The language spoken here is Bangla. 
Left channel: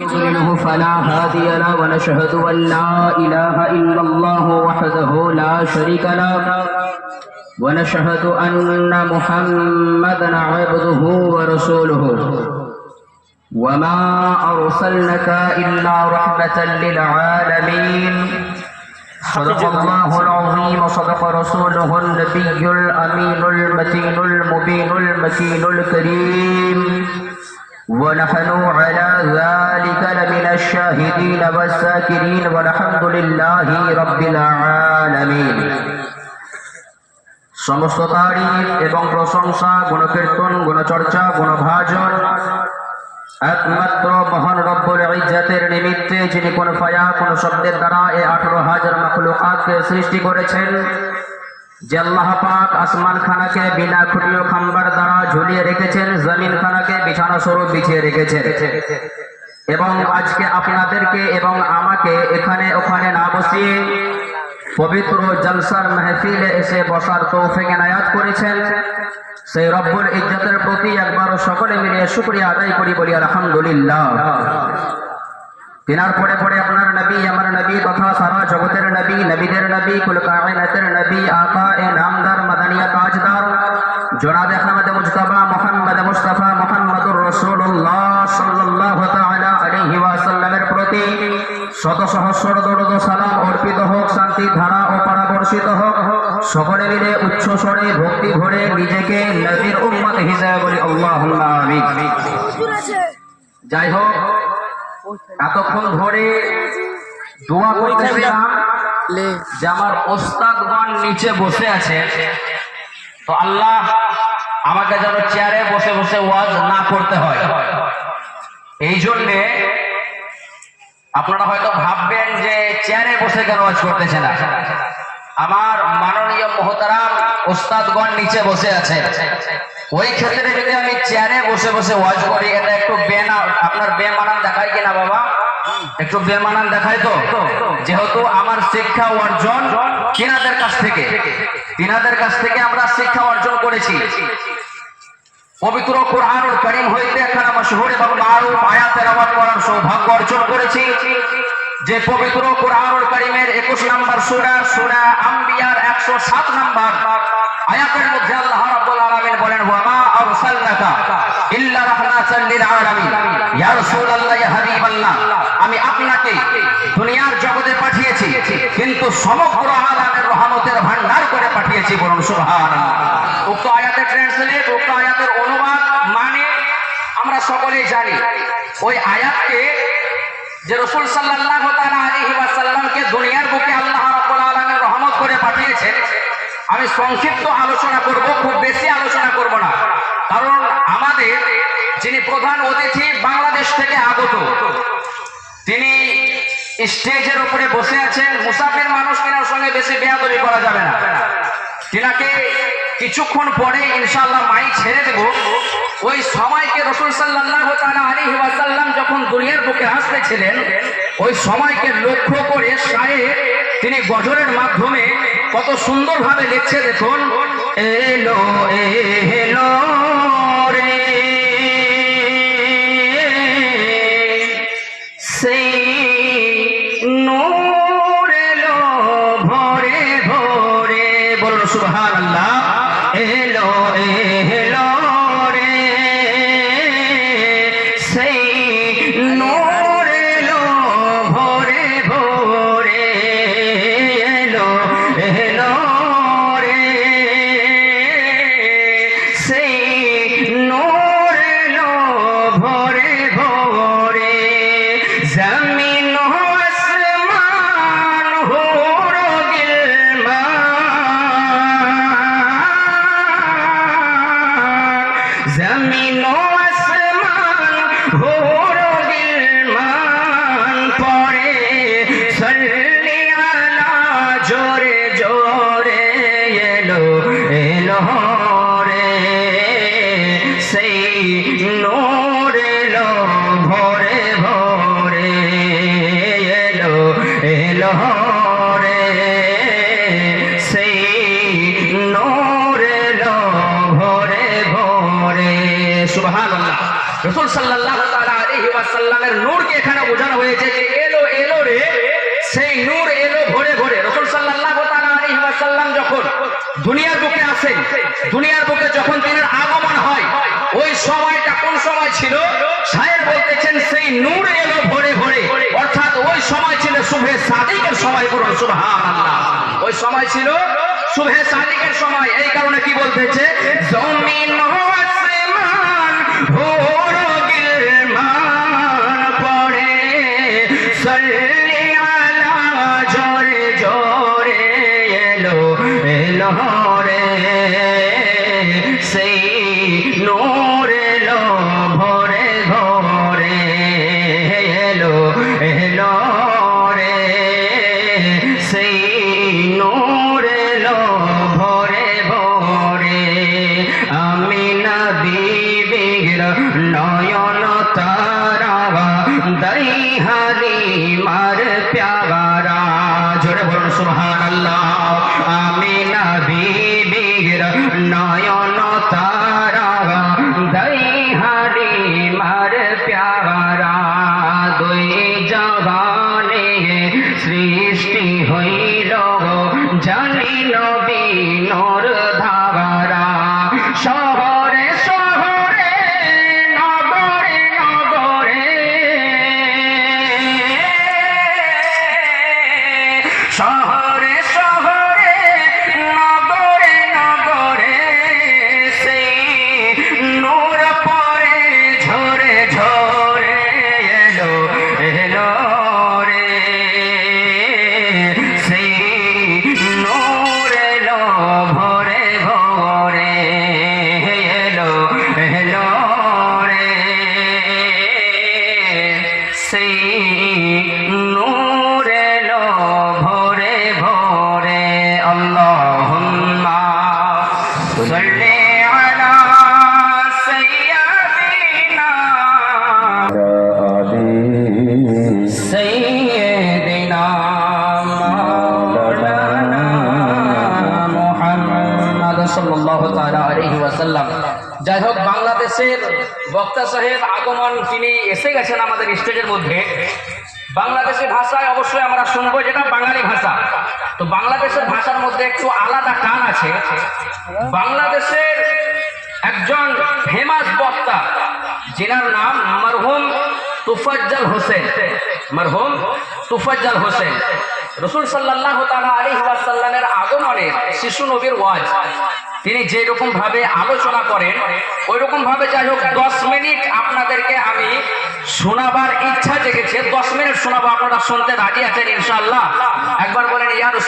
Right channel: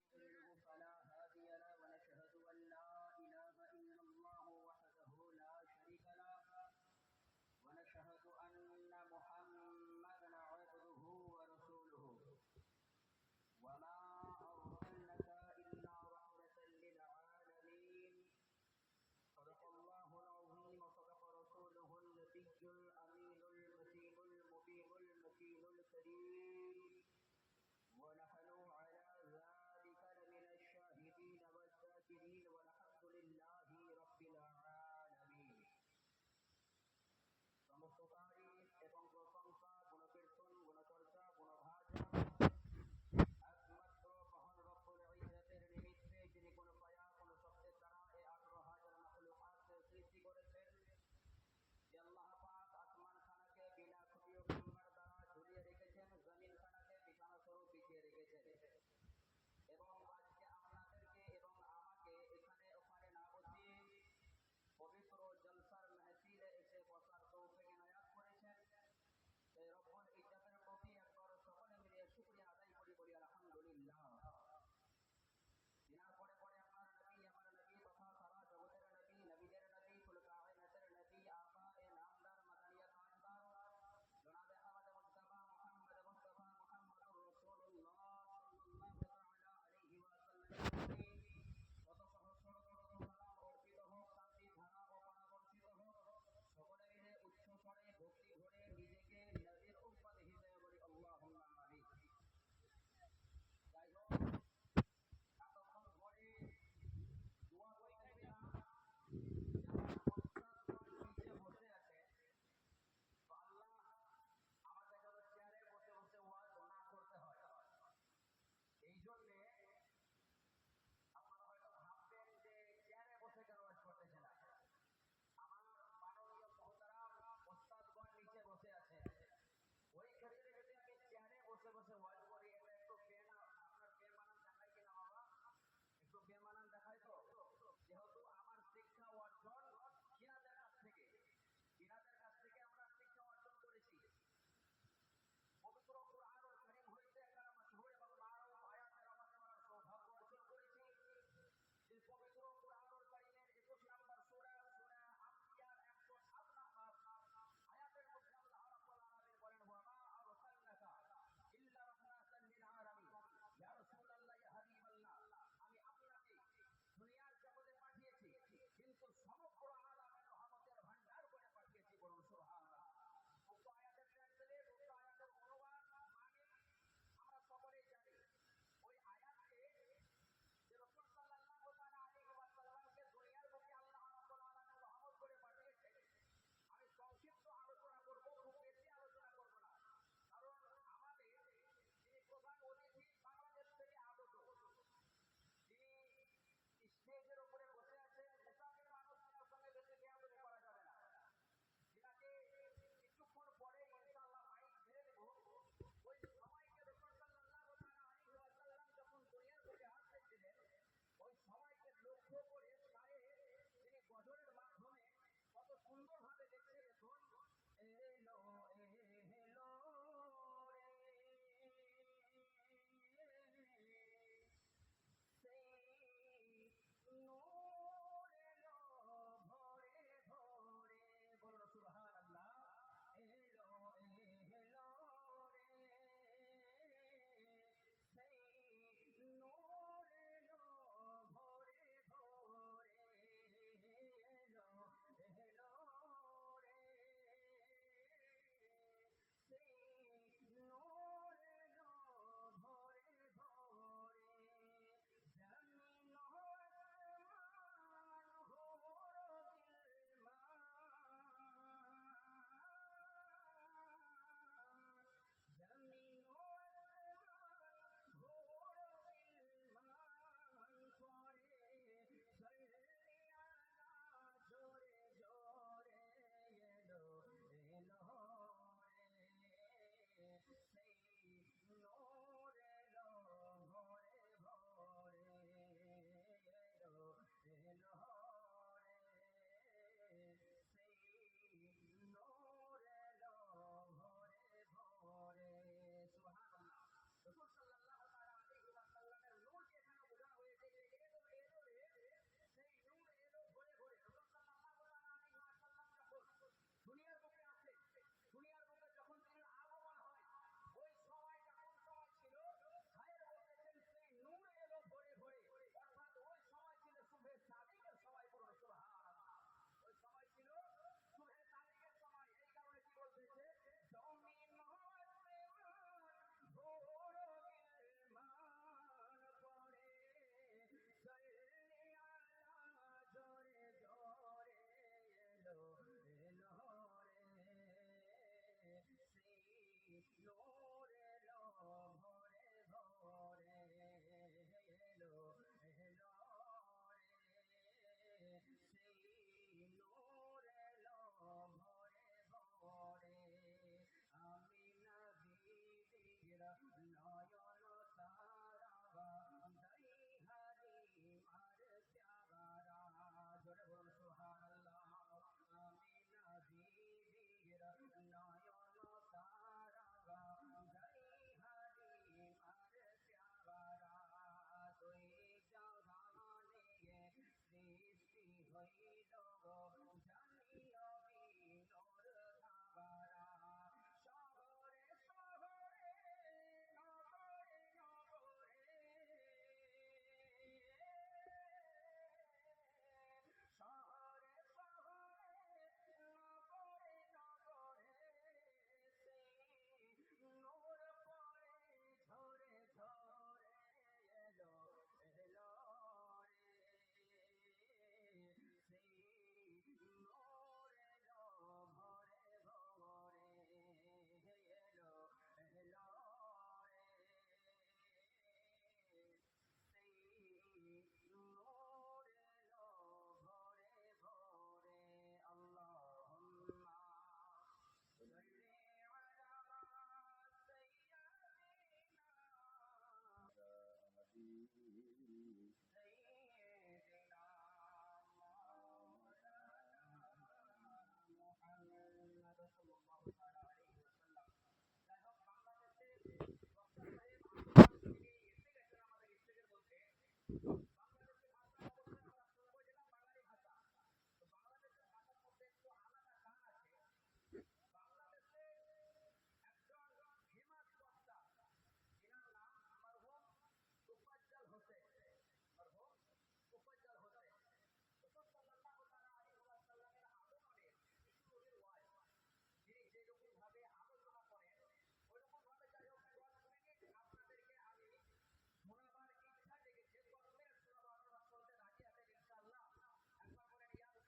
يضلله فلا هادي له ونشهد أن لا إله إلا الله وحده لا شريك له ونشهد أن محمدا عبده ورسوله وما أرسلناك إلا رحمة للعالمين صدق الله العظيم وصدق رسوله النبي الأمين المتين المبين المكين الكريم ونحن على ذلك لمن الشاهدين والذاكرين والحمد لله رب العالمين। সমস্ত তারিফ এবং প্রশংসা গুণকীর্তন গুণচর্চা গুণভাজন একমাত্র মহান রব্বুল ইজ্জতের নিমিত্তে, যিনি কোন ফায়া কোন শব্দের দ্বারা এই 18,000 মাখলুকাতকে সৃষ্টি করেছেন, যে আল্লাহ পাক আসমান খানাকে বিনা খুঁটি ও খাম্বার দ্বারা ঝুলিয়ে রেখেছেন, জমিন খানাকে বিছানা স্বরূপ বিছিয়ে রেখেছেন, এবং আজকে আপনাদেরকে এবং আমাকে এখানে ওখানে না বসিয়ে পবিত্র জলসার মাহফিলে এসে বসার তৌফিক এনায়াত করেছেন, সেই রব্বুল ইজ্জতের প্রতি একবার সকলে মিলে শুকরিয়া আদায় করি, বলি আলহামদুলিল্লাহ। তিনার পরে পরে আপনার নবী, আমার নবী তথা সারা জগতের নবী, নবীদের নবী, কুল কায়নাতের নবী, আকা এ নামদার মাদানিয়া তাজদার জনাব আহমদ মুজতবা মুহাম্মদ মুস্তাফা মুহাম্মদুর রাসূলুল্লাহ সাল্লাল্লাহু তাআলা আলাইহি ওয়াসাল্লামের প্রতি শত সহস্র দরুদ ও সালাম অর্পিত হোক, শান্তি ধারা ও পরাবর্ষিত হোক। সকলে মিলে উচ্চ স্বরে ভক্তি ভরে নিজেকে নবীর উম্মত হিসেবে বলি আল্লাহুম্মা আমিন। যাই হোক, এতক্ষণ ধরে দোয়া করতেছিলাম যে আমার ওস্তাদগণ নিচে বসে আছে, তো আল্লাহ আমাকে যেন চেয়ারে বসে বসে ওয়াজ না করতে হয়। এই জন্যে আপনারা হয়তো ভাববেন যে চেয়ারে বসে কেন ওয়াজ করতেছে না। আমার মাননীয় মোহতারাম ওস্তাদগণ নিচে বসে আছে, ওই ক্ষেত্রে যদি আমি চেয়ারে বসে বসে ওয়াজ করি, এটা একটু আপনার বেমানান দেখায় কিনা বাবা? একটু বেমানান দেখায় তো। যেহেতু আমার শিক্ষা অর্জন তিনাদের কাছ থেকে আমরা শিক্ষা অর্জন করেছি। পবিত্র কুরআনুল কারীম হইতে একখানা মাশহুর এবং মারুফ আয়াত তেলাওয়াত করার সৌভাগ্য অর্জন করেছি। যে পবিত্র কুরআনুল কারীমের 21 নম্বর সূরা, সূরা আম্বিয়ার 107 নম্বর আয়াতের মধ্যে আল্লাহ রাব্বুল আলামিন বলেন, ওয়া মা আরসালনাকা ইল্লা রাহমাতাল লিল আলামিন। ইয়া রাসূলুল্লাহ, ইয়া হাবিবাল্লাহ, আমি আপনাকে দুনিয়ার জগতে পাঠিয়েছি, কিন্তু সমগ্র আলামের রহমতের ভান্ডার করে পাঠিয়েছি। বলুন সুবহানাল্লাহ। উক্ত আয়াতের ট্রান্সলেট, উক্ত আয়াতের অনুবাদ মানে আমরা সকলেই জানি। ওই আয়াতকে যে রাসূল সাল্লাল্লাহু তাআলা আলাইহি ওয়াসাল্লামকে দুনিয়ার বুকে আল্লাহ রাব্বুল আলামিন রহমত করে পাঠিয়েছেন, আমি সংক্ষিপ্ত আলোচনা করব, খুব বেশি আলোচনা করব না। কারণ আমাদের যিনি প্রধান অতিথি বাংলাদেশ থেকে আগত, তিনি স্টেজের উপরে বসে আছেন। মুসাফির মানুষ, তিনার সঙ্গে বেশি বেয়াদবি করা যাবে না। তিনাকে কিছুক্ষণ পরে ইনশাআল্লাহ মাইক ছেড়ে দেব। ওই সময়কে রাসূল সাল্লাল্লাহু তাআলা আলাইহি ওয়াসাল্লাম যখন দুনিয়ার বুকে আসতেছিলেন, ওই সময়কে লক্ষ্য করে শায়ের তিনি গজলের মাধ্যমে কত সুন্দরভাবে লিখছে। দেখুন, এলো এলো রে সেই নূর এলো ভরে ভরে। বলুন সুবহানাল্লাহ। এলো এলো রে সেই নূর এলো ভরে ভরে। এলো এলো রে সেই নূর এলো ভরে ভরে। সাল্লামের নূরকে এখানে বোঝানো হয়েছে যে এলো এলো রে, সেই নূর এলো ভরে ভরে। রাসূল সাল্লাল্লাহু তাআলা আলাইহি ওয়াসাল্লাম যখন দুনিয়ার বুকে আসেন, দুনিয়ার বুকে যখন তিনি আগমন হয়, ওই সময়টা কোন সময় ছিল? শায়ের বলতেছেন সেই নূর এলো ভরে ভরে, অর্থাৎ ওই সময় ছিল শুভে সাদিকের সময়। বলুন সুবহানাল্লাহ। ওই সময় ছিল শুভে সাদিকের সময়। এই কারণে কি বলতেছে? জমিন আসমান ভোর গিলমান পড়ে সাল্লি আলা জোরে জোরে এলো এলো রে, সেই নূর এলো ভরে ভরে এলো এলো রে, সেই নূর এলো ভরে ভরে। আমিনা বিবির নয়ন তারা দাই হালিমার প্যারা। জোরে বলুন সুবহানাল্লাহ। আমিনা বিবির নয়ন তারা দাই হালিমার প্যারা। দুই জবানে সৃষ্টি হইল জানি নবী নূর ধারা। শহরে শহরে নগরে নগরে, শহরে শহরে নগরে নগরে, সেই নূর পরে ঝরে ঝরে এলো এলো রে, সেই নূর এলো ভরে ভরে এলো এলো রে, সেই নূর এলো ভরে ভরে। আল্লাহুম্মা সাল্লি আলা সাইয়্যিদিনা সাইয়্যিদিনা মাওলানা মুহাম্মদ সাল্লাল্লাহু তাআলা আলাইহি ওয়াসাল্লাম। যাই হোক, বাংলাদেশের বক্তা সাহেব আগমন, তিনি এসে গেছেন আমাদের স্টেজের মধ্যে। বাংলাদেশি ভাষায় অবশ্যই আমরা শুনবো, যেটা বাঙালি ভাষা। তো বাংলাদেশের ভাষার মধ্যে একটু আলাদা টান আছে। বাংলাদেশের একজন ফেমাস বক্তা, যিনার নাম মরহুম তুফাজ্জল হোসেন। মরহুম তুফাজ্জল হোসেন রাসূল সাল্লাল্লাহু তাআলা আলাইহি ওয়াসাল্লামের আগমনের শিশু নবীর ওয়াজ তিনি যে রকম ভাবে আলোচনা করেন, ওই রকম ভাবে যাই হোক 10 মিনিট আপনাদেরকে আমি শোনাবার ইচ্ছা জেগেছে। 10 মিনিট শোনাবো, আপনারা শুনতে রাজি আছেন ইনশাআল্লাহ? একবার বলেন ইয়া রাসূল।